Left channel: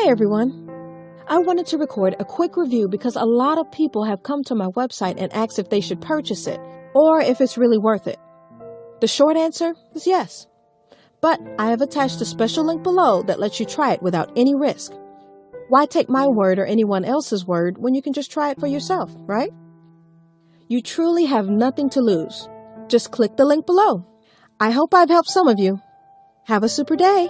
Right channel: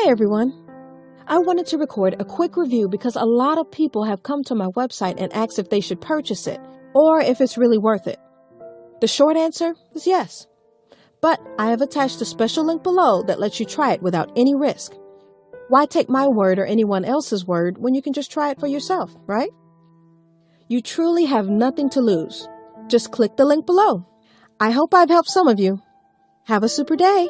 Hey everyone! I wanted to record a quick review because a lot of people have come to my website and asked if they should purchase it or if it's really worth it. The short answer is yes. But I have attached a special link below that lets you try it without any risk. Why take my word or anyone else's word when you can just try it for yourself, right? You truly have nothing to lose. Just click the link below. I hope I've helped some of you. Have a super day!